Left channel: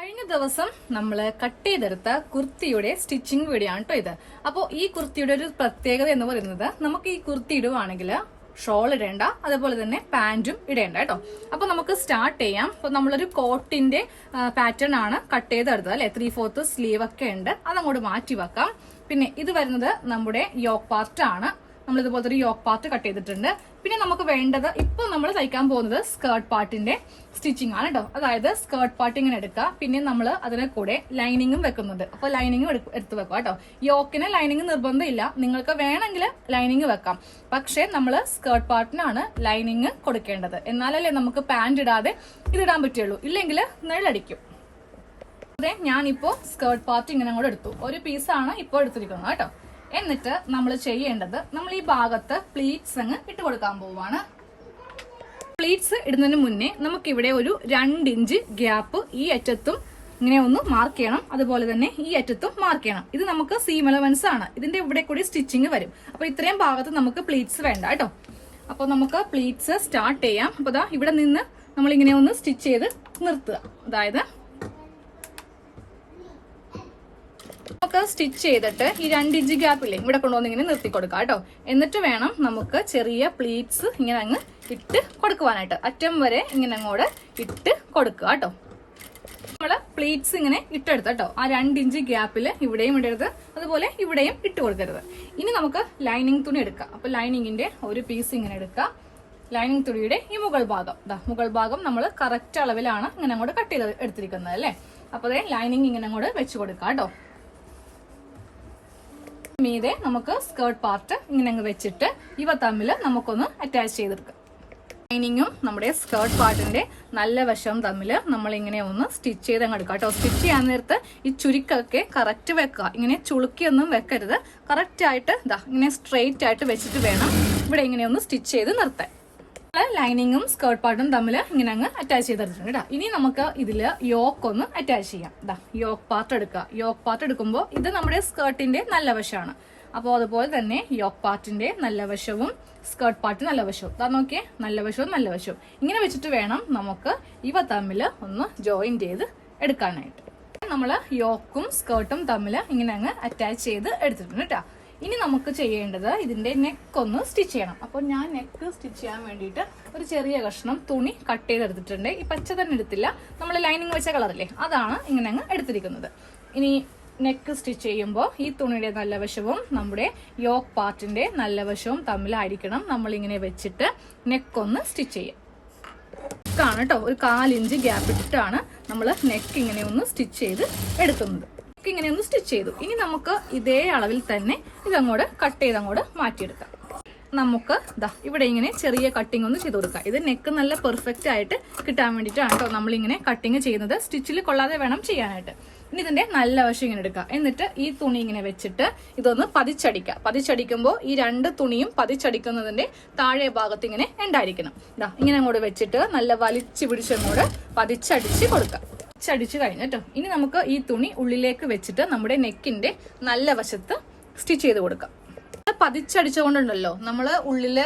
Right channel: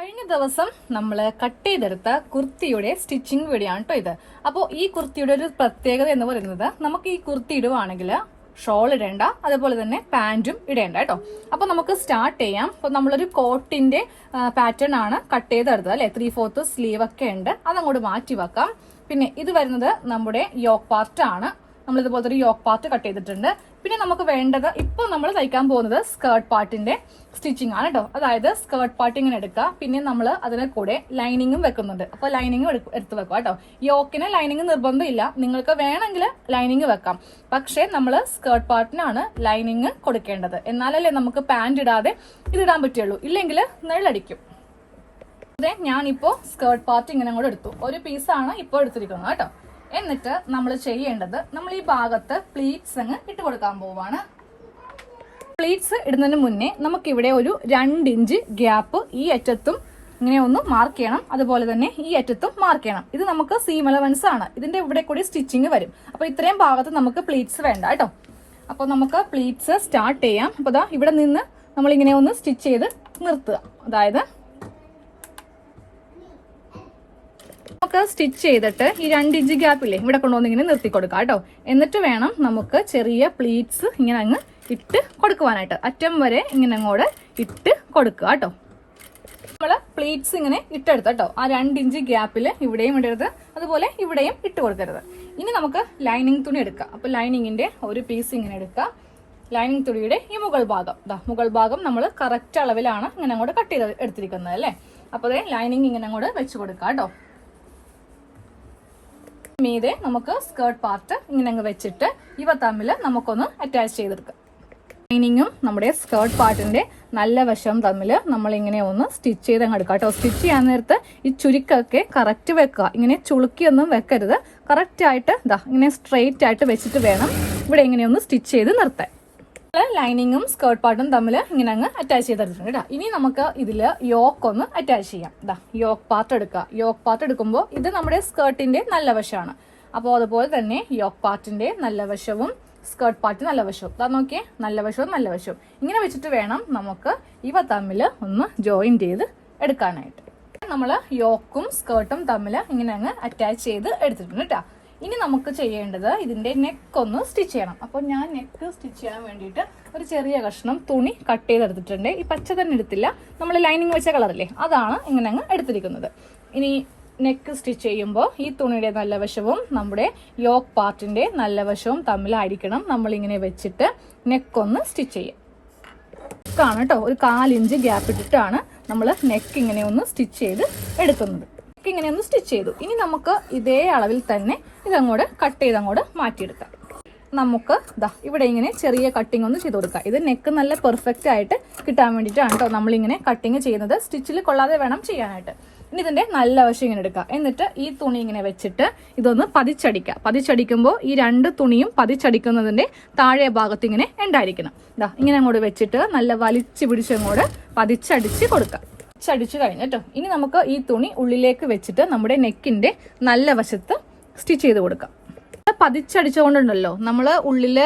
കഴിഞ്ഞ ദിവസം നമ്മൾ കട്ട് ചെയ്തെടുത്ത കുർത്തിയുടെ സ്റ്റിച്ചിങ് വീഡിയോ ആണ് കേട്ടോ ഇത്. അപ്പോൾ ഈ കുർത്തിയുടെ ഒരു പ്രത്യേകത എന്ന് പറയുന്നത് നമുക്ക് ഈ കുർത്തി ഇടുവാണെങ്കിൽ ഷോൾ ഇടേണ്ട, അതേപോലെ തന്നെ പാന്റും ഇടേണ്ട കേട്ടോ. അപ്പൊ നമുക്ക് സ്റ്റാർട്ട് ചെയ്യാം. അപ്പൊ നമ്മളൊരു കോട്ടിന്റെ പാറ്റേൺ ആണ് കട്ട് ചെയ്തെടുത്തത് അല്ലെ, 3/4 സ്ലീവ് ഒക്കെ ഉണ്ട്, അതങ്ങോട്ട് മാറ്റി വെക്കാം. പിന്നെ ഇത് വരുന്നത് നമ്മുടെ യോക്ക് പാർട്ട് ആണ്. നമ്മൾ ഇതുപോലത്തെ ഒരു യോക്ക് പാർട്ട് കട്ട് ചെയ്തിട്ടുണ്ട്. പിന്നെ നമുക്ക് വേണ്ടത് ഇപ്പോൾ നമ്മൾ തയ്ക്കാൻ പോകുന്നത് സ്കേർട്ട് പാർട്ടിന്റെ സ്റ്റിച്ചിങ് ആണ് കേട്ടോ. അതായത് സ്കേർട്ട് പാർട്ട് ഇങ്ങനെ എടുക്കുക, പിന്നെ നമ്മൾ അതിനെ കൂടെ ലൈനിങ്ങും വെക്കുന്നുണ്ട്. അപ്പോൾ ലൈനിങ്ങും എടുത്ത് വെക്കുക കേട്ടോ. യോക്കിന് ലൈനിങ് നിർബന്ധമില്ല, നിങ്ങൾക്ക് വേണമെങ്കിൽ ലൈനിങ് വെക്കാം. പക്ഷേ നമ്മൾ സ്കേർട്ട് പാർട്ടിനാണ് ലൈനിങ് കൊടുക്കേണ്ടത്, എന്നാലല്ലേ നമുക്ക് പാന്റ് ഇടാതെ ഇതിടാൻ പറ്റുള്ളൂ, ഇല്ലെങ്കിൽ നിഴലടിക്കും. അതെ, ഞാനിപ്പോൾ സ്കേർട്ട് പാർട്ട് ഇങ്ങനെ കൂടെ എടുത്തു. ഒരു പീസാണ് ഇപ്പോൾ എടുത്തിരിക്കുന്നത് കേട്ടോ. എന്നിട്ട് നമ്മൾ ചെയ്യേണ്ടത്, നമ്മൾ ഈ ഭാഗത്ത് പ്ലീറ്റ്സ് അങ്ങ് ഇട്ട് കൊടുക്കാൻ പോവാണ്. പ്ലീറ്റ്സ് ഇടുന്നതിന് മുന്നേ നമുക്കിവിടെ ഒരു 2 ഇഞ്ച് ഗ്യാപ്പ് ഈ അറ്റത്തും ഇങ്ങനെ ഒന്ന് മാർക്ക് ചെയ്യണം, അതുപോലെ തന്നെ ഈ അറ്റത്തും മാർക്ക് ചെയ്യണം. ഇത് നമുക്ക് സീം അലവൻസ് ആണ്, ഇതിന്റെ ഇവിടെ കൂടി സ്റ്റിച്ചിങ് വരും. അപ്പൊ ഇത്രയും ഭാഗത്ത് നമുക്ക് പ്ലീറ്റ്സ് വേണ്ട കേട്ടോ. അപ്പൊ നമുക്ക് പ്ലീറ്റ്സ് സ്റ്റാർട്ട് ചെയ്യാം. അപ്പൊ ദാ ഇവിടെ നിന്ന് നമ്മൾ ഇങ്ങനെ ഒന്ന് സ്റ്റിച്ച് ചെയ്ത് നിർത്തുക. അതായത് നമുക്ക് സ്റ്റിച്ച് ചെയ്തിട്ട് ഈ 2 ഇഞ്ച് ഗ്യാപ്പില്ലേ ഇവിടെ കൊണ്ടുവന്ന് ഇങ്ങനെ നിർത്തി കൊടുക്കാം കേട്ടോ. എന്നിട്ട് വേണം നമുക്ക് ചെറിയ പ്ലീറ്റ്സ് ഇങ്ങനെ അങ്ങ് ഇട്ട് കൊടുക്കുവാനായിട്ട്. അറ്റം വരെ ഇങ്ങനെ അങ്ങോട്ട് ഇട്ട് കൊടുക്കുക കേട്ടോ. നമ്മള് പ്ലീറ്റ്സ് ഇങ്ങനെ ഇട്ടെടുത്ത കേട്ടോ. ആ 2 ഇഞ്ച് ഗ്യാപ്പില് ഇവിടെയും ഇടരുത്, അതുപോലെ ഇവിടെയും ഇട്ട് കൊടുക്കരുത്. ഇനി നമുക്ക് ലൈനിങ് തുണി എടുക്കാം. അപ്പൊ ലൈനിങ്ങിന്റെ ഒരു പീസ് ഇങ്ങനെ എടുക്കുക. ലൈനിങ് തുണിയുടെ ഈ മുകൾ ഭാഗം നമ്മൾ കറക്റ്റ് അളവിലാണ് ഇങ്ങനെ അങ്ങോട്ട് കട്ട് ചെയ്ത് എടുത്തിരിക്കുന്നത് അല്ലേ. അപ്പൊ ലൈനിങ് ഇങ്ങനെ അങ്ങോട്ട് വെച്ച് കൊടുക്കാം കേട്ടോ. മീതെ നമുക്ക് സ്കേർട്ട് പാർട്ട് ഇങ്ങനെ അങ്ങ് വെച്ചിട്ട് ഇവ തമ്മിൽ നമുക്കൊന്ന് അറ്റാച്ച് ചെയ്തെടുക്കാം. ലൈനിങ്ങും നമ്മുടെ സ്കേർട്ട് പാർട്ടിന്റെ നല്ല വശം തമ്മിൽ നമ്മൾ ഇങ്ങനെ ഒന്ന് സ്റ്റിച്ച് ചെയ്ത് അങ്ങ് എടുക്കാം കേട്ടോ. സ്റ്റിച്ച് ചെയ്യാൻ നേരത്ത് ഈ ചുരുക്കൊക്കെ കറക്റ്റ് വെക്കുക, ഇങ്ങനെ ചുളുക്കിയൊന്നും വെക്കരുത്. കറക്റ്റ് ആയിട്ട് ഇങ്ങനെ സ്ട്രെയിറ്റ് ആയിട്ട് വെച്ചിട്ട് വേണം ഇവിടെ ഇങ്ങനെ ഒന്ന് സ്റ്റിച്ച് ചെയ്ത് നിർത്താൻ. ലൈനിങ്ങും സ്കേർട്ട് പാർട്ടും തമ്മിൽ ഇങ്ങനെ അങ്ങ് അറ്റാച്ച് ചെയ്തെടുത്തിട്ടുണ്ട് കേട്ടോ. ഇനി നമുക്ക് ഇതിൽ യോക്ക് ഒന്ന് അറ്റാച്ച് ചെയ്യാം. യോക്ക് പാർട്ട് എടുക്കുക. യോക്ക് പാർട്ട് എടുക്കുമ്പോൾ ഇത് നമ്മുടെ സ്കേർട്ടിന്റെ നല്ല വശമാണ്. അപ്പോൾ അതുപോലെ തന്നെ യോക്ക് പാർട്ടിന്റെ നല്ല വശവും സ്കേർട്ട് പാർട്ട് നല്ല വശവും നോക്കിയേ, നല്ല വശവും ഇങ്ങനെ വെച്ചിട്ട് വേണം നമുക്ക് ഇവ തമ്മിൽ ഒന്ന് ജോയിൻ ചെയ്ത് എടുക്കാനായിട്ട്. നമ്മൾ യോക്കും സ്കേർട്ടും തമ്മിൽ ഇങ്ങനെ അങ്ങ് അറ്റാച്ച് ചെയ്ത് എടുത്തിട്ടുണ്ട് കേട്ടോ. ഇനി നമുക്ക് ചെയ്യേണ്ടത് ഇതിന്റെ നെക്ക് ഒന്ന് സ്റ്റിച്ച് ചെയ്യണം. അപ്പോൾ ഞാൻ നെക്ക് സ്റ്റിച്ച് ചെയ്യാൻ വേണ്ടിയിട്ട് ഒരു ചെറിയ കഷ്ണം തുണി കട്ട് ചെയ്തെടുത്തിട്ടുണ്ട്. ഈ പച്ച തന്നെ എടുത്തില്ല, നമ്മൾ ലൈനിങ് വെച്ച കളറല്ലേ, അതാണ് ഇങ്ങനെ അങ്ങ് എടുത്തിരിക്കുന്നത്. ഇനി നെക്ക് സ്റ്റിച്ച് ചെയ്യുമ്പോൾ ഈ തുണിയുടെ നല്ല വശവും നമ്മുടെ യോക്ക് പാർട്ടിന്റെ നല്ല വശവും തമ്മിലായിരിക്കണം നമ്മളിങ്ങനെ വെച്ചിട്ട് നെക്കൊന്ന് സ്റ്റിച്ച് ചെയ്യാം. നെക്കാണ് കേട്ടോ, ഒരു 4 ഇഞ്ച് ഗ്യാപ്പ് ഇട്ടിട്ടാണ് നമ്മൾ നെക്ക് ഇങ്ങനെ ഒന്ന് സ്റ്റിച്ച് ചെയ്ത് എടുക്കുന്നത്. ഇങ്ങനെ ഒന്ന് സ്റ്റിച്ച് ചെയ്തു. ഇനി നമുക്ക് ഇതേ അളവിൽ തന്നെ ഇതങ്ങോട്ട് കട്ട് ചെയ്ത് അങ്ങോട്ട് മാറ്റിയെടുക്കാം. നമുക്ക് ഇവിടെ ഇങ്ങനെ ചെറിയ കട്ടിങ് ഒന്ന് ചെയ്ത് കൊടുക്കാം. ഇത് നെക്ക് നല്ല പെർഫെക്റ്റ് ആയിട്ട് കിട്ടാൻ വേണ്ടിയിട്ടാണ് കേട്ടോ നമ്മളിങ്ങനെ കട്ടിങ് ചെയ്യുന്നത്. സ്റ്റിച്ചിൽ കൊള്ളാതെ വേണം ചെയ്യാനായിട്ട്. ഇനി ഇതിന്റെ നല്ല വശം ഇങ്ങനെ എടുക്കുക. എന്നിട്ട് ഈ തുണി ഇങ്ങനെ വെച്ചിട്ട് ഇതൊന്ന് പതിച്ചടിക്കുക. പതിച്ചടിക്കുമ്പോൾ ഈ 2 തുണിയും പതിച്ചടിക്കുന്നതിന്റെ താഴെ ഭാഗത്ത് ഇങ്ങനെ ഉണ്ടായിരിക്കണം. ഇങ്ങനെ അങ്ങോട്ട് വെച്ചിട്ട് നല്ല വലിച്ചു പിടിച്ചങ്ങോട്ട് പതിച്ചടിച്ച് കൊടുക്കുക. ചടിച്ചു കഴിഞ്ഞു കേട്ടോ. ഇനി നമുക്ക് ഈ തുണി ഉള്ളിലേക്ക് വെച്ചിട്ട് നമ്മുടെ നെക്കിന്റെ നല്ല വശത്ത് സ്റ്റിച്ച് ചെയ്ത് കൊടുക്കാം. പതിച്ചടിച്ചുകൊണ്ടുണ്ടല്ലോ നമ്മള് ഉള്ളില്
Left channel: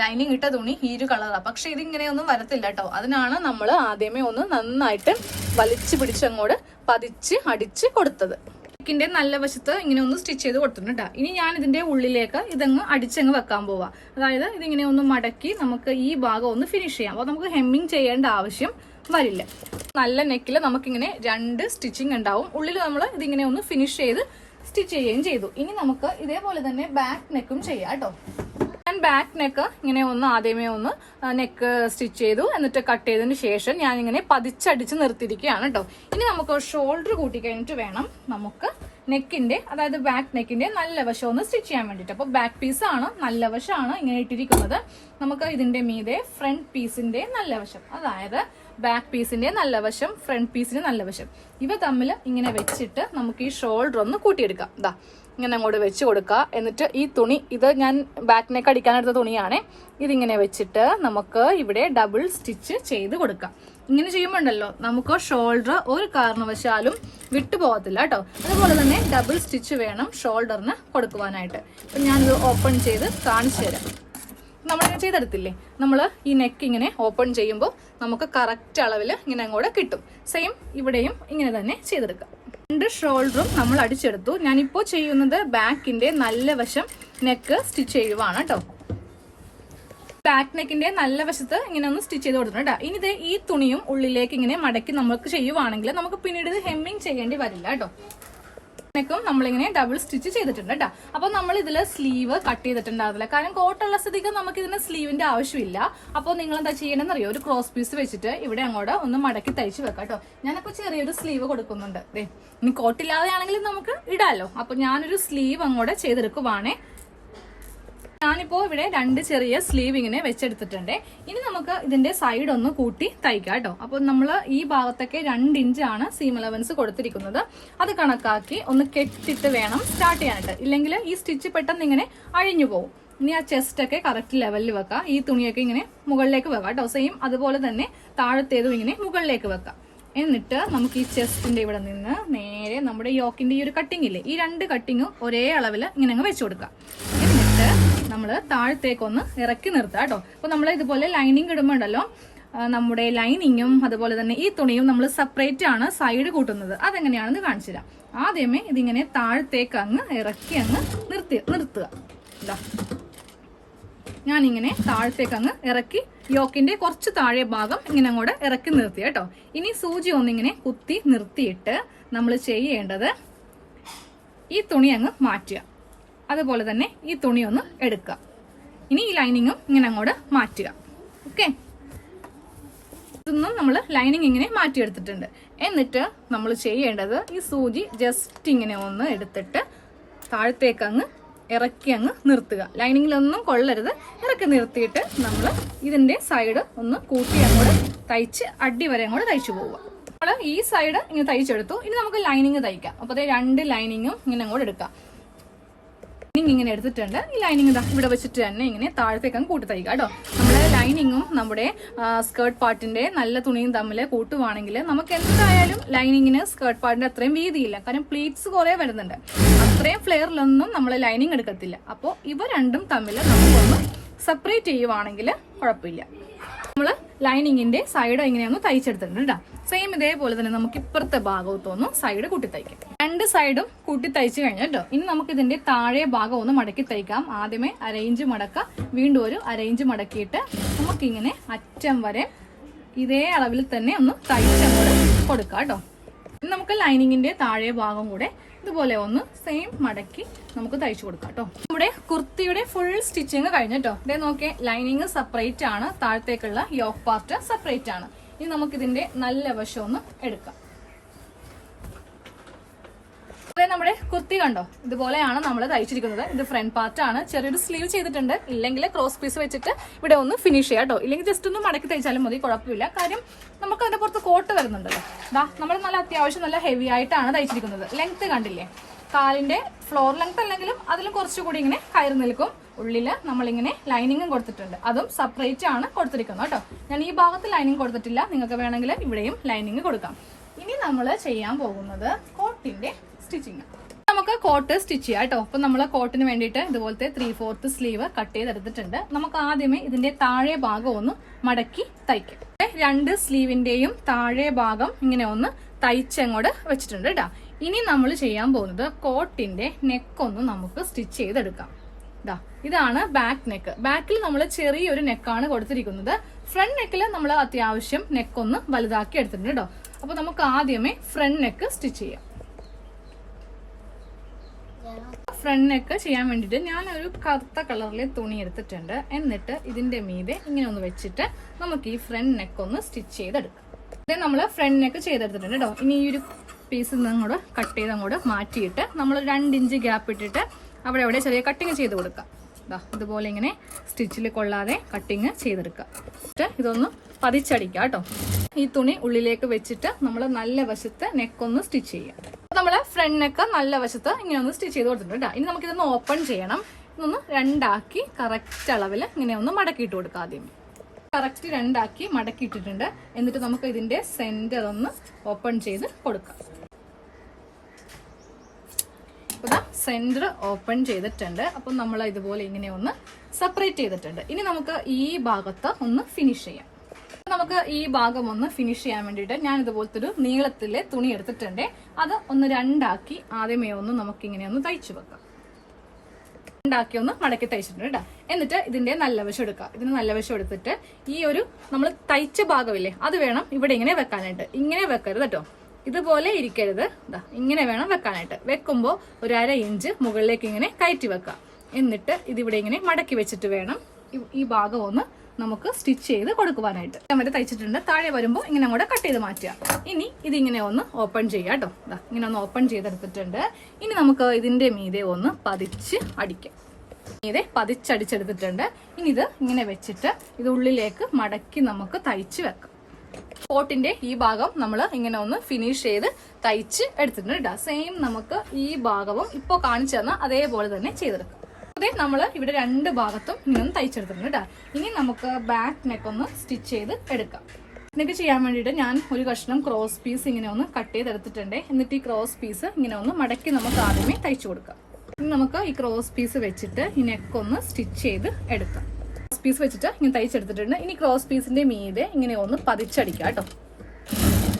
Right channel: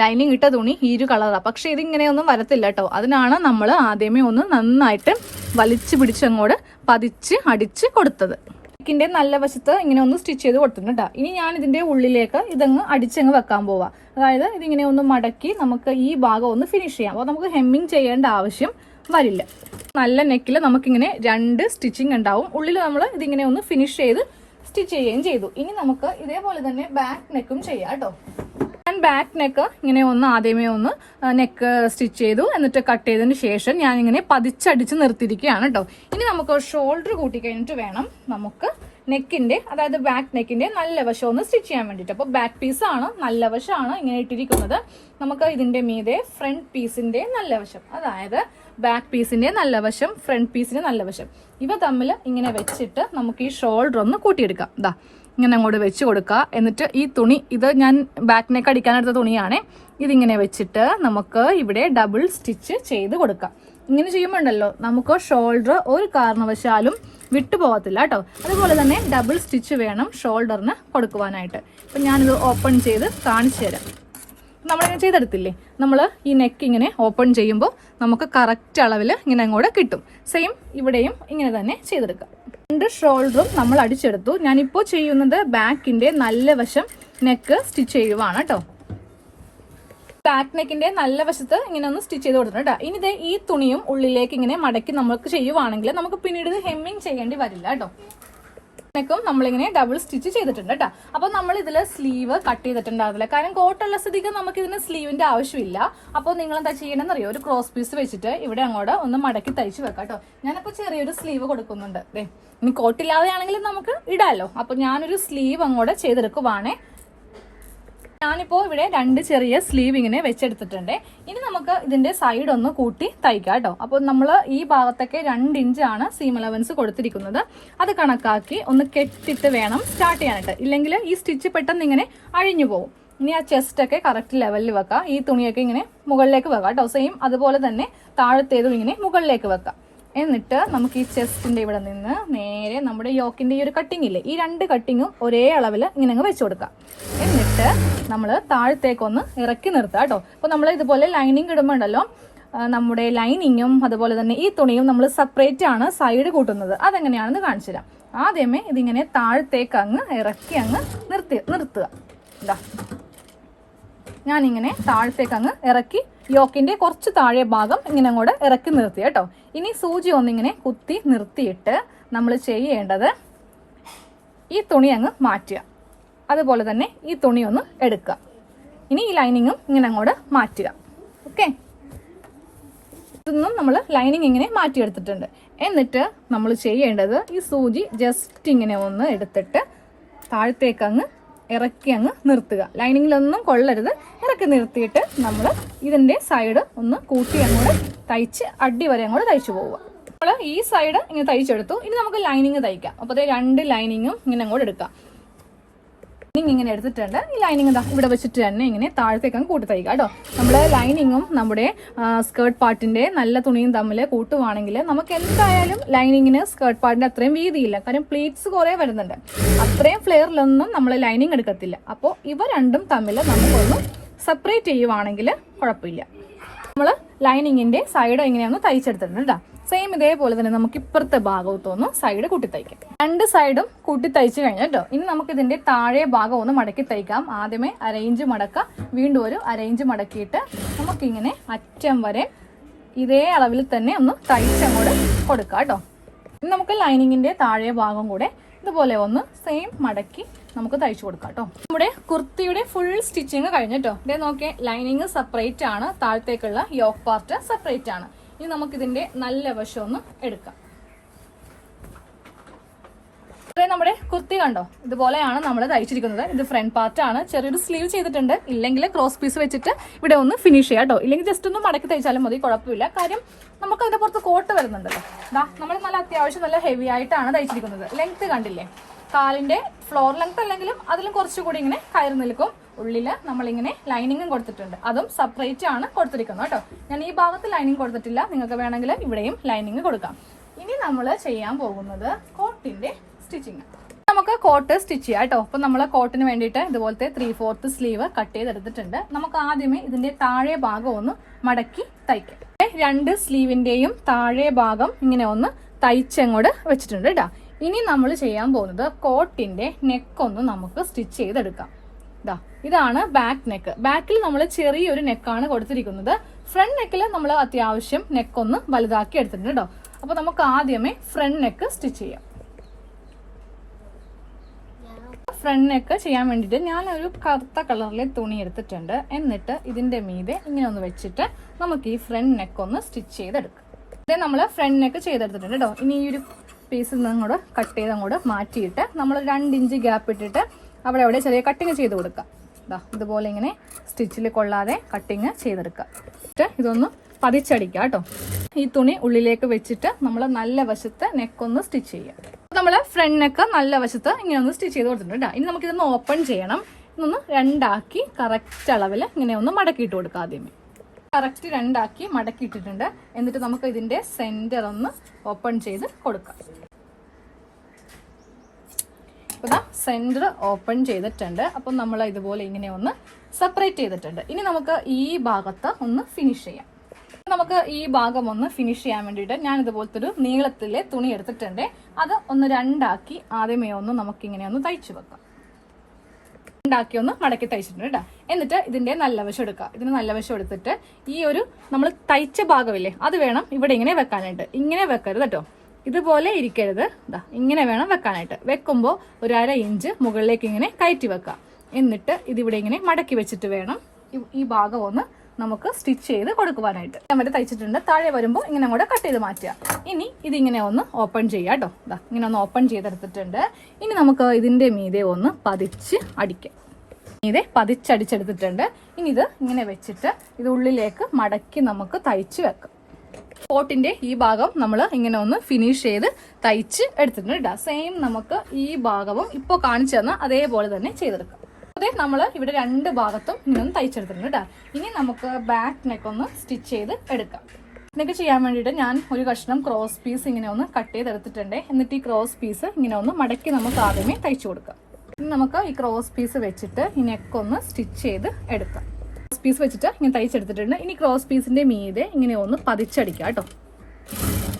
ലൈനിങ് ഇട്ട തുണി ഈ ഒരു കളറാണ്, പക്ഷെ ഇതിങ്ങനെയൊന്നും വരത്തില്ല കേട്ടോ. അതിനാണ് നമ്മൾ ആദ്യമേ ഒന്ന് നന്നായിട്ട് വലിച്ചു പിടിച്ചങ്ങോട്ട് പതിച്ച് അടിച്ച് കൊടുത്തത്. നെക്കിന്റെ നല്ല വശത്ത് ഇങ്ങനെ ഒന്ന് സ്റ്റിച്ച് ചെയ്ത് കൊടുത്തിട്ടുണ്ട് കേട്ടോ. ഇനി ഞാൻ ഇതിന്റെ ഉള്ളിലേക്ക് ഇതങ്ങ് അടിച്ചങ്ങ് വെക്കാൻ പോവാം. അതായത് ഇതിങ്ങനെ ഒന്ന് മടക്കി നമുക്ക് ഈ ഭാഗം ഒന്ന് ഫിനിഷ് ചെയ്യാം. അപ്പോൾ നമുക്ക് ഹെമ്മിങ് ചെയ്യേണ്ട ആവശ്യം വരില്ല. നല്ല നെക്കിൽ നമുക്കിങ്ങനെ 2 സ്റ്റിച്ചിങ് ഉണ്ടാവും. ഉള്ളിൽ നമ്മൾ ഇതിങ്ങനെ ഒന്ന് ഫിനിഷ് ചെയ്ത് സ്റ്റിച്ച് ചെയ്യുകയും ചെയ്തു. ഇനി നമുക്ക് ഇതേപോലെ തന്നെ ബാക്ക് നെക്കും ചെയ്യാം കേട്ടോ. ഞാൻ ബാക്ക് നെക്ക് ഇങ്ങനെ ഒന്ന് ആദ്യമേ ഒന്ന് നെക്ക് സ്റ്റിച്ച് ചെയ്തു. എന്നിട്ട് കട്ട് ചെയ്തതിന് ശേഷം ഞാൻ ഇങ്ങനെ പതിച്ചടിച്ച് നിർത്തിയിരിക്കുകയാണ് കേട്ടോ. ഇനി നമുക്ക് ഷോൾഡർ കൂട്ടി കഴിഞ്ഞിട്ട് വേണം നമുക്ക് നെക്കിന്റെ, അതായത് ബാക്ക് നെക്കിന്റെ നല്ല വശം ഒന്ന് സ്റ്റിച്ച് ചെയ്യാൻ വേണ്ടിയിട്ട്. അപ്പോൾ ബാക്ക് പീസാണ് നല്ല വശമാണ് ഇങ്ങനെ ഇട്ടിരിക്കുന്നത്. നമുക്ക് ഇതിന്റെ മീതെ ഫ്രണ്ട് പീസിന്റെ നല്ല വശം, അതായത് ബാക്ക് പീസിന്റെ നല്ല വശം, ഫ്രണ്ട് പീസിന്റെ നല്ല വശം, ഇവ തമ്മിൽ ഇങ്ങനെ വെച്ചിട്ട് നമുക്ക് ഈ ഷോൾഡർ ഒന്ന് കൂട്ടിയെടുക്കാം. ഇങ്ങനെ അങ്ങോട്ട് വെച്ച് കൊടുക്കുക. എന്നിട്ട് ഈ തുണി, ഇത് ഞാൻ ബാക്ക് നെക്ക് അടിക്കാനെടുത്ത തുണിയാണ്, ഇതിങ്ങനെ വെച്ചിട്ട് നമുക്ക് ഇവിടെ ഡബിൾ സ്റ്റിച്ച് ചെയ്ത് കൊടുക്കാം. ഇങ്ങനെ ചെയ്യുമ്പോൾ ഉണ്ടല്ലോ നമുക്ക് ഷോൾഡർ ഒരു കാരണവശാലും വിട്ടുപോകത്തില്ല കേട്ടോ. അതുപോലെ തന്നെ ഡബിൾ സ്റ്റിച്ച് വേണം ഷോൾഡറിന് കൊടുക്കുവാനായിട്ട്. ഞാൻ ഓപ്പൺ ചെയ്ത് കാണിച്ചു തരാം. നമ്മളിങ്ങനെ ചെയ്തെടുത്തില്ലേ, നമ്മൾ ഈ നെക്ക് ഇങ്ങനെ ഓപ്പൺ ചെയ്യുമ്പോൾ നമുക്ക് കറക്റ്റ് അളവിൽ ഇങ്ങനെ അങ്ങോട്ട് കിട്ടും. സെയിം ഇവിടെയും ഇങ്ങനെ തന്നെ ചെയ്തെടുക്കാം. 2 ഷോൾഡറും നമ്മൾ അടിച്ചെടുത്തു. ഞാനിപ്പോൾ ചെയ്യുന്നത് ബാക്കിന്റെ നല്ല വശം നെക്ക് സ്റ്റിച്ച് ചെയ്യുവാണ് കേട്ടോ. ബാക്ക് നെക്കിന്റെ നല്ല വശത്ത് ഇങ്ങനെ ഒന്ന് സ്റ്റിച്ച് ചെയ്ത് കൊടുത്തിട്ടുണ്ട്. ഇനി ഇത് ഈ തുണിയും ഉള്ളിലേക്ക് ഇങ്ങനെ മടക്കി നമുക്ക് ചെയ്യുവാണെങ്കിൽ നമുക്ക് പിന്നീട് ഇത് ഹെമ്മിങ് ചെയ്യേണ്ടി വരില്ല കേട്ടോ. നെക്കും നമ്മളിങ്ങനെ ഡബിൾ സ്റ്റിച്ച് ചെയ്തിട്ടുണ്ട് കേട്ടോ. അപ്പൊ നമ്മൾ ഇതിൽ സ്ലീവ് കട്ട് ചെയ്തിട്ടുണ്ടാവില്ല, കാരണം കോട്ടുള്ള സ്ഥിതിക്ക് നമുക്ക് ഇതിന് സ്ലീവിന്റെ ആവശ്യമില്ല. അപ്പോൾ നിങ്ങൾ എന്താ ചെയ്യണമെന്ന് അറിയോ, ഒരു ക്രോസ് പീസ് വെച്ചിട്ട് ഇവിടെ അങ്ങോട്ട് ഒന്ന് മടക്കി തയ്ച്ച് വെക്കാം കേട്ടോ. ഞാനിപ്പോൾ ചെറിയൊരു സ്ലീവ് കൊടുക്കുന്നുണ്ട്. ഇനി കോട്ടില്ലാതെയാണെങ്കിൽ നമുക്ക് ഇടാലോ. അപ്പൊ ഞാനൊരു സ്ലീവ് അങ്ങോട്ട് ചെയ്തെടുക്കുവാണേ. ഞാനിപ്പോ ഇവിടെ 2 ചെറിയ സ്ലീവ് ഇങ്ങനെ വെച്ചെടുത്തിട്ടുണ്ട്. ഇനി നമുക്ക് ഇതിന്റെ സൈഡ് ഒന്ന് കൂട്ടി തയ്ക്കാം കേട്ടോ. അപ്പോൾ നമ്മൾ ഈ ഭാഗത്തൊക്കെ 2 ഇഞ്ചാണ് സീം അലവൻസ് കൊടുത്തിരിക്കുന്നത്. അത് കണക്കാക്കി ഒന്ന് കെട്ടിട്ട് വേണം സ്റ്റാർട്ട് ചെയ്യാനായിട്ട്, ഇല്ലെങ്കിൽ ഈ സ്റ്റിച്ച് പെട്ടെന്ന് ഇങ്ങനെ അഴിഞ്ഞു പോകും. ഇനി ആ ചെസ്റ്റ് ഒക്കെ കറക്റ്റ് ലെവലിൽ വെക്കാം. ഈ തുണിയൊക്കെ ഇങ്ങനെ മുകളിലേക്ക് വെക്കാം കേട്ടോ. സെയിം അതുപോലെ തന്നെ താഴത്തേതും ഇങ്ങനെ മുകളിലേക്ക് വെക്കാം. എന്നിട്ട് നമുക്ക് ഈ ചെസ്റ്റിന്റെ ഇവിടെ നിന്ന് നേരെ നമ്മുടെ യോക്കിന്റെ ഈ ഒരു കട്ടിങ് ഇല്ലേ, ഈ 2 കട്ടിങ്ങും ഒരേ അളവിൽ ഇങ്ങനെ അങ്ങ് വെച്ചു കൊടുക്കാം. എന്നിട്ട് നമ്മൾ താഴത്തേക്കൊന്ന് ഇറക്കി നിർത്താം കേട്ടോ. അപ്പോൾ നമ്മൾ ഇതുപോലെ ലൈനിങ് ഇടുമ്പോണ്ടല്ലോ, നമ്മുടെ ലൈനിങ്ങും അതുപോലെ തന്നെ ഈ തുണിയും നമ്മൾ സെപ്പറേറ്റ് ആണ് സൈഡ് കൂട്ടുന്നത്. അതെങ്ങനെയാണെന്ന് കാണിച്ചു തരാം. ആദ്യമേ ഇതിങ്ങനെ താഴത്തേക്ക് അങ്ങ് ഇറക്കി അങ്ങ് നിർത്തുക. ഇതാ ഞാനിങ്ങനെ താഴത്തേക്ക് അങ്ങ് ഇറക്കി യോക്കിന്റെ കുറച്ച് താഴെ ഭാഗം ഇങ്ങനെ അങ്ങോട്ട് ഇറക്കി നിർത്തി കേട്ടോ. ഇനി സൂചി ഒന്നിങ്ങനെ കുത്തി നിർത്തിയിട്ട് നമ്മൾ ചെയ്യേണ്ടത് ഈ തുണി അങ്ങ് മാറ്റുക, അതുപോലെ തന്നെ ഈ തുണി ഒന്ന് എടുക്കുക. ഇനി ഈ ലൈനിങ്ങും ഇങ്ങനെ അങ്ങോട്ട് മാറ്റുക. ഓക്കെ, ഇതൊന്നും നമ്മൾ ലൈനിങ് ഇങ്ങനെ മാറ്റിയെടുത്തിട്ടുണ്ട്. എന്നിട്ട് നമ്മൾ ചെയ്യേണ്ടത് ഈ സൂചി ജസ്റ്റ് ഇങ്ങനെ ഒന്ന് എടുത്തിട്ട് താഴത്തേക്ക് അങ്ങ് ഇറക്കി അങ്ങ് നിർത്തുക. ലൈനിങ്ങിലൊന്നും കൊള്ളരുത്, ഇറക്കി നിർത്തിയിട്ട് നമ്മൾ ഇതിന്റെ സൈഡ് ഒന്ന് കൂട്ടി അങ്ങോട്ട് തയ്ച്ച് അടി വരെ അങ്ങോട്ട് തയ്ച്ചു പോവുക. നമ്മൾ ഈ സൈഡ് ഇങ്ങനെ തയ്ച്ചെടുത്തു. ഇനി നമുക്ക് ലൈനിങ് തയ്ക്കാം. അപ്പോൾ 2 ലൈനിങ്ങും ഇങ്ങനെ അങ്ങോട്ട് എടുക്കാം. ഇങ്ങനെ എടുത്തിട്ടുണ്ട്. ഈ ലൈനിങ് ഇവിടെ വെച്ചിട്ട് തന്നെ ഇങ്ങനെ താഴത്തേക്ക് അങ്ങ് കൂട്ടി തയ്ക്കുക കേട്ടോ. നമ്മുടെ ലൈനിങ്ങും നമ്മുടെ സ്കേർട്ട് പാർട്ടിന്റെ നല്ല തുണിയും തമ്മിൽ കൂട്ടുവാണെങ്കിൽ നമുക്ക് എന്തായാലും ലൈനിങ്ങിന് സ്കേർട്ട് പാർട്ടിന്റെ അത്രയും വീതിയില്ല, കാരണം പ്ലീറ്റ്സ് കുറെ വരുന്നുണ്ട്. അത്രയും ഫ്ലെയറിലൊന്നും നമ്മൾ ലൈനിങ് എടുക്കത്തില്ല. അപ്പോൾ ഇവ രണ്ടും തമ്മിൽ നമ്മളൊന്ന് സെപ്പറേറ്റ് ചെയ്യുവാണെങ്കിൽ കുഴപ്പമില്ല. നമ്മൾ ലൈനിങ്ങിന്റെ സൈഡ് എങ്ങനെയാണ് തയ്ച്ചെടുത്തിട്ടുണ്ട് കേട്ടോ. സെയിം ഇതേപോലെ തന്നെ നമുക്ക് ഇപ്പുറത്തെ ഭാഗത്തൊന്ന് സൈഡ് കൂട്ടി തയ്ക്കാം. 2 സൈഡും കൂട്ടി തയ്ച്ചു കഴിഞ്ഞാൽ കേട്ടോ. ഇനി നമുക്ക് ഇതിന്റെ താഴെ ഭാഗം ഒന്ന് മടക്കി തയ്ക്കാം. ആദ്യമേ അരയിഞ്ച് മടക്കാം, വീണ്ടും ഒരു അരയിഞ്ച് മടക്കിയിട്ട് നമുക്കിങ്ങനെ അറ്റം വരെ ഇതേ അളവിൽ തന്നെ ഒന്ന് തയ്ച്ചങ്ങോട്ട് കൊടുക്കാം കേട്ടോ. ഇനി നമുക്ക് ലൈനിങ്ങിന്റെ താഴെ ഭാഗം കൂടെ ഇതുപോലെ ഒന്ന് സെയിം മടക്കി നമുക്ക് തയ്ച്ചു കൊടുക്കാം കേട്ടോ. നമ്മുടെ കുർത്തിയുടെ ഫുൾ സ്റ്റിച്ചിങ് കഴിഞ്ഞിട്ടോ. ഇതേ നോക്കിയേ, ലൈനിങ് സെപ്പറേറ്റ് ആണ്, താഴത്തേക്കുള്ള യോക്ക് പാർട്ട് സെപ്പറേറ്റ് ആണ്. ഇനി നമുക്ക് ഇതിന്റെ നല്ല വശം ഒന്ന് എടുക്കാം. നമ്മുടെ കുർത്തി കണ്ടോ, ഇതുപോലെയാണ് നമ്മൾ തയ്ച്ചിരിക്കുന്നത്. ഇത് ഫ്രണ്ട് പാർട്ട് ആണ്. ചെറിയൊരു സ്ലീവ് ചെയ്തിട്ടുണ്ട്. ഇല്ലെങ്കിൽ ക്രോസ് പീസ് വെച്ചിട്ട് ഇവിടെ ഒന്ന് ഫിനിഷ് ചെയ്യാം കേട്ടോ. ഇല്ലെങ്കിൽ ജസ്റ്റ് ഒന്ന് മടക്കി തയ്ച്ചാലും മതി, കുഴപ്പമില്ല. കാര്യം നമുക്ക് അതിന്റെ പുറത്ത് കോട്ട് വരുന്നുണ്ടല്ലോ. നമ്മൾ നല്ല അത്യാവശ്യം നല്ല ഹെവി ആയിട്ടാണ് തയ്ച്ചിരിക്കുന്നത്. ലെങ്ത് കണ്ടില്ലേ, കാലിന്റെ ഫ്ലോർ ലെങ്ത് അല്ലെങ്കിലും അതിലും കുറച്ചുകൂടി ഇങ്ങനെ കയറി നിൽക്കും. ഉള്ളില് നമ്മളിങ്ങനെ ലൈനിങ്ങും കൊടുത്തിട്ടുണ്ട്, അതും സെപ്പറേറ്റ് ആണ് കൊടുത്തിരിക്കുന്നത് കേട്ടോ. ഞാൻ ഈ ഭാഗത്ത് ലൈനിങ് കൊടുത്തിട്ടില്ല, നിങ്ങൾക്ക് വേണമെങ്കിൽ ഇവിടെയും ലൈനിങ് കൊടുക്കാം. ഇനി നമ്മൾ ചെയ്യാൻ പോകുന്നത് കോട്ടിന്റെ സ്റ്റിച്ചിങ്. നമുക്ക് കോട്ട് സ്റ്റിച്ച് ചെയ്യാം കേട്ടോ. അപ്പൊ നമ്മൾ കോട്ടിന് വേണ്ടിയിട്ട് ഇതുപോലത്തെ 3/4 സ്ലീവ് കട്ട് ചെയ്തെടുത്തിട്ടുണ്ട്. നമുക്ക് ആദ്യമേ ഇതിന്റെ താഴെ ഭാഗം ഒന്ന് മടക്കി തയ്ക്കാം. 2 സ്ലീവിന്റെയും താഴെ ഭാഗം ഇങ്ങനെ ഒന്ന് തയ്ച്ചങ്ങോട്ട് വെച്ചിട്ടുണ്ട് കേട്ടോ. ഇനി നമ്മൾ ചെയ്യാൻ പോകുന്നത് കോട്ടിന്റെ നെക്കൊന്ന് നമുക്ക് സ്റ്റിച്ച് ചെയ്തെടുക്കാം. ഇതാണ് ബാക്ക് നെക്ക്. ബാക്കിൽ നമ്മൾ ചെറിയൊരു നെക്കാണ് കൊടുത്തിരിക്കുന്നത്. ഫ്രണ്ട് നെക്കിൽ നമ്മൾ അത്യാവശ്യം നെക്കൊന്ന് വലുതാക്കി എടുത്തിട്ടുണ്ട് കേട്ടോ. അപ്പൊ നമുക്ക് ആദ്യമേ ഫ്രണ്ട് നെക്ക് സ്റ്റിച്ച് ചെയ്യാം. ഫ്രണ്ട് നെക്ക് ചെയ്യാൻ വേണ്ടിയിട്ട് ഞാനൊരു കറുത്ത കളറിലെ തുണി എടുത്തിട്ടുണ്ട്. എന്നിട്ട് ഇതിന്റെ മീതെ ഇങ്ങനെ ഒന്ന് വെച്ചിട്ട് നമുക്ക് ഈ ഫ്രണ്ട് നെക്ക് ഒന്ന് സ്റ്റിച്ച് ചെയ്തെടുക്കാം. ഇതേ നമ്മൾ ഫ്രണ്ട് നെക്ക് ചെയ്തെടുത്തിട്ടുണ്ട് കേട്ടോ. ഇനി ഈ ഒരു പീസിൽ നിന്ന് അങ്ങോട്ട് കട്ട് ചെയ്ത് അങ്ങോട്ട് മാറ്റിയിട്ട് നമ്മൾ 2 ഇഞ്ച് ഗ്യാപ്പ് ഇട്ടിട്ട് അവിടെ ചെറിയ കട്ടിങ് ചെയ്ത് കൊടുക്കാം. ഇതുപോലെ ഇങ്ങനെ സ്റ്റിച്ചിൽ കൊള്ളാതെ കട്ടിങ് ചെയ്തെടുക്കാം. ഇതൊന്ന് പതിച്ചടിക്കാം കേട്ടോ. ഈ തുണി ഉള്ളിലേക്ക് വെച്ചിട്ട് നമ്മൾ നല്ല വശത്ത് നെക്കൊന്ന് സ്റ്റിച്ച് ചെയ്യാം. നമ്മൾ ഫ്രണ്ട് നെക്ക് നല്ല വശത്ത് ഇങ്ങനെ ഒന്ന് സ്റ്റിച്ച് ചെയ്ത് കൊടുത്തിട്ടുണ്ട്. ഇനി നമുക്ക് ഇതൊന്ന് ഓപ്പൺ ചെയ്യണം. ഇതൊന്ന് 2 ആക്കി കറക്റ്റ് അളവിൽ ഇങ്ങനെ ഒന്ന് മടക്കിയിട്ട് കൊടുക്കാം. ആദ്യമേ കറക്റ്റ് 2 ആക്കി മടക്കിയിട്ടിട്ടുണ്ട്. എന്നിട്ട് നമുക്ക് ഇതിന്റെ സെന്റർ ഒന്ന് ഓപ്പൺ ചെയ്ത് കൊടുക്കാം. സെന്റർ ഓപ്പൺ ചെയ്തിട്ടുണ്ട്. അപ്പം നമ്മൾ ഇതുപോലെ ഇങ്ങനെ ഒന്ന് സെപ്പറേറ്റ് ചെയ്തിട്ടുണ്ട്. ഇനി നമുക്ക് ഈ ഭാഗത്ത് ഒന്ന് ഫിനിഷ് ചെയ്യാം. നമുക്ക് ഈ ഭാഗം ഒന്ന് ഫിനിഷ് ചെയ്യാൻ വേണ്ടിയിട്ട് ഞാൻ ഇതുപോലത്തെ ഒരു നീളത്തിലെ തുണി എടുത്തിട്ടുണ്ട്. അത് ഒന്ന് രണ്ടാക്കി ആദ്യമേ ഒന്ന് നമുക്കിങ്ങനെ ഒന്ന് തയ്ച്ചു വെക്കാം. രണ്ടാക്കി ഒന്ന് മടക്കി തയ്ച്ചിട്ടുണ്ട് കേട്ടോ. എന്നിട്ട് ഇതിന്റെ നല്ല വശം എടുക്കാം. ഇതിന് നല്ല വശം എടുത്തിട്ട് ഈ ഒരു നമ്മൾ തയ്ച്ച ഭാഗമില്ലേ അത് വേണം ഇവിടെ ഇങ്ങനെ വെക്കാനായിട്ട്. ഇങ്ങനെ വെക്കരുത് കേട്ടോ, ഇതുപോലെ ഇരിക്കരുത്. ഇങ്ങനെ വേണം വെക്കാനായിട്ട്. വെക്കുമ്പോൾ ഒരു 1/2 ഇഞ്ച് മുകളിലേക്ക് ഇങ്ങനെ കയറ്റി വെക്കാം. എന്നിട്ട് ഇതിവിടെ ഇങ്ങനെ മടക്കി വെച്ചിട്ട് വേണം ഈ ഭാഗം ഒന്ന് നമുക്ക് സ്റ്റിച്ച് ചെയ്ത് കൊടുക്കുവാനായിട്ട്. നമ്മൾ തയ്ച്ചിട്ടുണ്ട്. താഴെ വരുമ്പോൾ ഇങ്ങനെ അങ്ങോട്ട് കട്ട് ചെയ്ത് മാറ്റുക. ഇനി ഇതിങ്ങനെ ഒന്ന് ഓപ്പൺ ചെയ്യാം കേട്ടോ. ഇങ്ങനെ ഒന്ന് ഓപ്പൺ ചെയ്തെടുത്തിട്ടുണ്ട്. ഇനി നമുക്ക് ഇതിന്റെ മീതെ ഒന്ന് പതിച്ച് അടിക്കാം. മീതെ പതിച്ചടിച്ചെടുത്തിട്ടുണ്ട്. ഇനി ഇത് ഇങ്ങനെ വെച്ചിട്ട് ഇത് ഉള്ളിലേക്ക് മടക്കി നമുക്ക് തയ്ച്ച് വെക്കാം. കോട്ടിന്റെ ഈ ഭാഗം നമ്മൾ ഇങ്ങനെ ഒന്ന് ഫിനിഷ് ചെയ്ത് തയ്ച്ച് എടുത്തിട്ടുണ്ട് കേട്ടോ. സെയിം നമുക്ക് ഈ ഭാഗവും ഇപ്പോൾ കാണിച്ചു തന്ന അതേപോലെ തന്നെ ചെയ്തെടുക്കാം. അതെ, നമ്മൾ ഇവിടെ 2 ഭാഗത്തും ഇങ്ങനെ ഒന്ന് തയ്ച്ചെടുത്തിട്ടുണ്ട് കേട്ടോ. ഇനി നമുക്ക് ബാക്ക് നെക്ക് ഒന്ന് സ്റ്റിച്ച് ചെയ്ത് എടുക്കാം. നെക്ക് ചെയ്യാൻ വേണ്ടിയിട്ട് ഞാൻ ഒരു കഷ്ണം ക്രോസ് പീസ് ഇങ്ങനെ ഒന്ന് കട്ട് ചെയ്തെടുത്തിട്ടുണ്ട്. എന്നിട്ട് ഈ ക്രോസ് പീസ് ഇങ്ങനെ ഒന്ന് മടക്കി നമുക്ക് ആദ്യമേ തയ്ച്ചു കൊടുക്കാം. ഇനി നമുക്ക് ഈ ക്രോസ് പീസ് വെച്ചിട്ട് ഈ നെക്ക് ഒന്ന് സ്റ്റിച്ച് ചെയ്ത് എടുക്കാം. ക്രോസ് പീസ് വെച്ചിട്ട് ഇങ്ങനെ തയ്ച്ചെടുത്തിട്ടുണ്ട്. ഇനി ക്രോസ് പീസിന്റെ മീതെ ഇങ്ങനെ ഒന്ന് പതിച്ചടിക്കാം കേട്ടോ.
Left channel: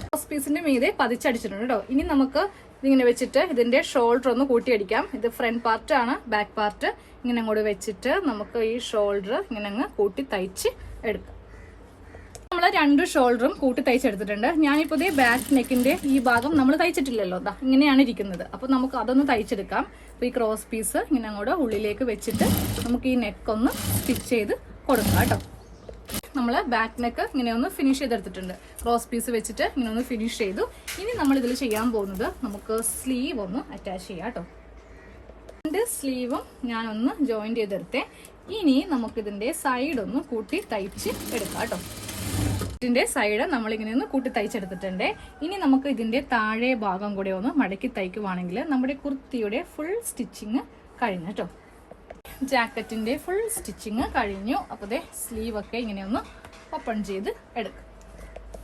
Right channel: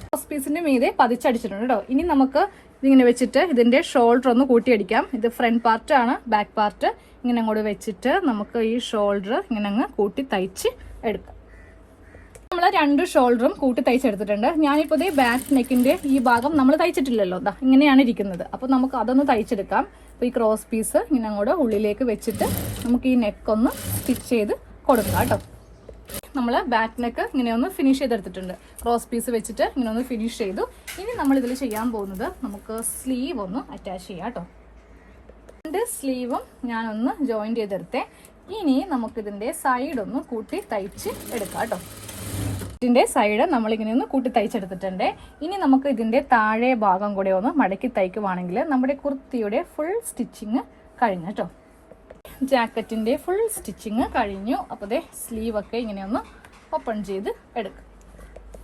ക്രോസ് പീസിന്റെ മീതെ പതിച്ചടിച്ചിട്ടുണ്ട് കേട്ടോ. ഇനി നമുക്ക് ഇതിങ്ങനെ വെച്ചിട്ട് ഇതിന്റെ ഷോൾഡർ ഒന്ന് കൂട്ടിയടിക്കാം. ഇത് ഫ്രണ്ട് പാർട്ട് ആണ്. ബാക്ക് പാർട്ട് ഇങ്ങനെ അങ്ങോട്ട് വെച്ചിട്ട് നമുക്ക് ഈ ഷോൾഡർ ഇങ്ങനെ അങ്ങ് കൂട്ടി തയ്ച്ച് എടുക്കാം. നമ്മൾ 2 ഷോൾഡറും കൂട്ടി തയ്ച്ചെടുത്തിട്ടുണ്ട്. ഞാനിപ്പോൾ ഇതേ ബാക്ക് നെക്കിന്റെ ഈ ഭാഗം നമ്മൾ തയ്ച്ചിട്ടില്ലല്ലോ, ഇങ്ങനെയാണ് ഇരിക്കുന്നത്. അപ്പോൾ നമുക്ക് അതൊന്ന് തയ്ച്ചെടുക്കാം. അപ്പോൾ ഈ ക്രോസ് പീസ് ഇങ്ങനെ അങ്ങോട്ട് ഉള്ളിലേക്ക് വെച്ചിട്ട് നമുക്ക് ഈ നെക്കൊന്ന് സ്റ്റിച്ച് ചെയ്ത് കൊടുക്കാം കേട്ടോ. നമ്മൾ ബാക്ക് നെക്ക് ഇങ്ങനെ ഒന്ന് ഫിനിഷ് ചെയ്തെടുത്തിട്ടുണ്ട്. ക്രോസ് പീസ് വെച്ചിട്ട് ഇങ്ങനെ ഒന്ന് ഫിനിഷ് ചെയ്തു. ഇനി നമ്മൾ ഇതിൽ ചെയ്യാൻ പോകുന്നത് നമുക്ക് സ്ലീവ് ഒന്ന് അറ്റാച്ച് ചെയ്യാം കേട്ടോ. 2 സ്ലീവും ഞാനൊന്ന് ജോയിന്റ് ചെയ്തെടുത്തേ. ഇനി നമുക്കിതിന്റെ സൈഡ് ഒന്ന് കൂട്ടി തയ്ച്ച് എടുക്കാം കേട്ടോ. ഇതിന്റെ സൈഡ് നമ്മളിങ്ങനെ ഒന്ന് കൂട്ടി തയ്ച്ചെടുത്തിട്ടുണ്ട്. ഇനി നമുക്ക് ഇതിന്റെ താഴെ ഭാഗം കൂടെ ഒന്ന് മടക്കി തയ്ക്കുവാണെങ്കിൽ നമ്മുടെ കുർത്തിയുടെ ഫുൾ സ്റ്റിച്ചിങ് കഴിഞ്ഞു കേട്ടോ. ജാക്കറ്റിന്റെ ഫുൾ സ്റ്റിച്ചിങ് കഴിഞ്ഞു. അപ്പോൾ ദേ സ്ലീവ് ഒക്കെ ഇങ്ങനെ ഒന്ന് ഓപ്പൺ ചെയ്ത് എടുക്കും.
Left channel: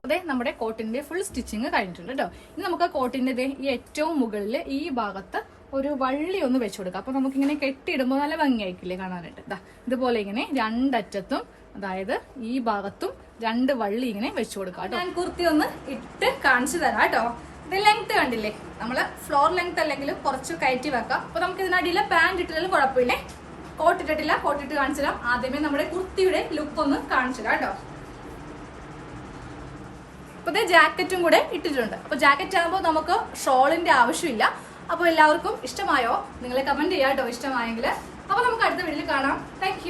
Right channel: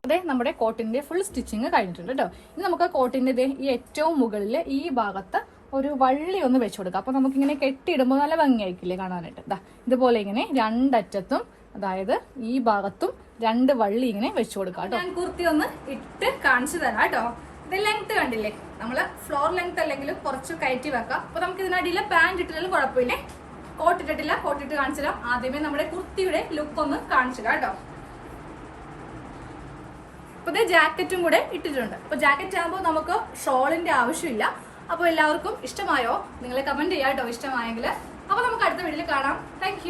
അതെ, നമ്മുടെ കോട്ടിന്റെ ഫുൾ സ്റ്റിച്ചിങ് കഴിഞ്ഞിട്ടുണ്ട് കേട്ടോ. ഇനി നമുക്ക് കോട്ടിന്റെ ഈ ഏറ്റവും മുകളിൽ ഈ ഭാഗത്ത് ഒരു വള്ളി ഒന്ന് വെച്ചു കൊടുക്കാം. അപ്പൊ നമുക്കിങ്ങനെ കെട്ടിയിടുമ്പോൾ നല്ല ഭംഗിയായിരിക്കില്ലേ കാണാനായിട്ട്. ഇതുപോലെ ഇങ്ങനെ 2 അറ്റത്തും, അതായത് ഈ ഭാഗത്തും 2 വള്ളി ഇങ്ങനെ വെച്ചു കൊടുക്കാം. ഞാൻ കുർത്തി ഒന്ന് ഇട്ട് കാണിച്ചു തരാം കേട്ടോ. ഇത് ലെങ്ത് കണ്ടില്ലേ, നമ്മള് ഫ്ലോർ ലെങ്ത് അല്ലെങ്കിലും കുറച്ച് കയറ്റി വെക്കാം. അപ്പൊ നമുക്ക് ഇതിനടിയിലെ പാൻറ് ഇട്ടില്ലെങ്കിലും കുഴപ്പമില്ലേ. കോട്ടിട്ടിട്ടില്ല, കോട്ടിട്ട് കാണിച്ചു തരാം. ആദ്യമേ നമ്മുടെ കുർത്തിയുടെ ലുക്ക് ഒന്ന് കാണിച്ചു തരാം കേട്ടോ. അപ്പൊ ഇത് ജാക്കറ്റും കൂടെ ഇട്ടിട്ടുണ്ട്. അപ്പൊ ജാക്കറ്റ് ആകുമ്പോൾ നമുക്ക് ഷോളിന്റെ ആവശ്യമില്ല. അപ്പോൾ എല്ലാവർക്കും ഇഷ്ടമായോ? നിങ്ങളെ കമന്റ് ചെയ്യാം കേട്ടോ ഇഷ്ടമായെങ്കിൽ. അപ്പൊ നമുക്ക് അടുത്ത വീഡിയോയിൽ കാണാം. താങ്ക്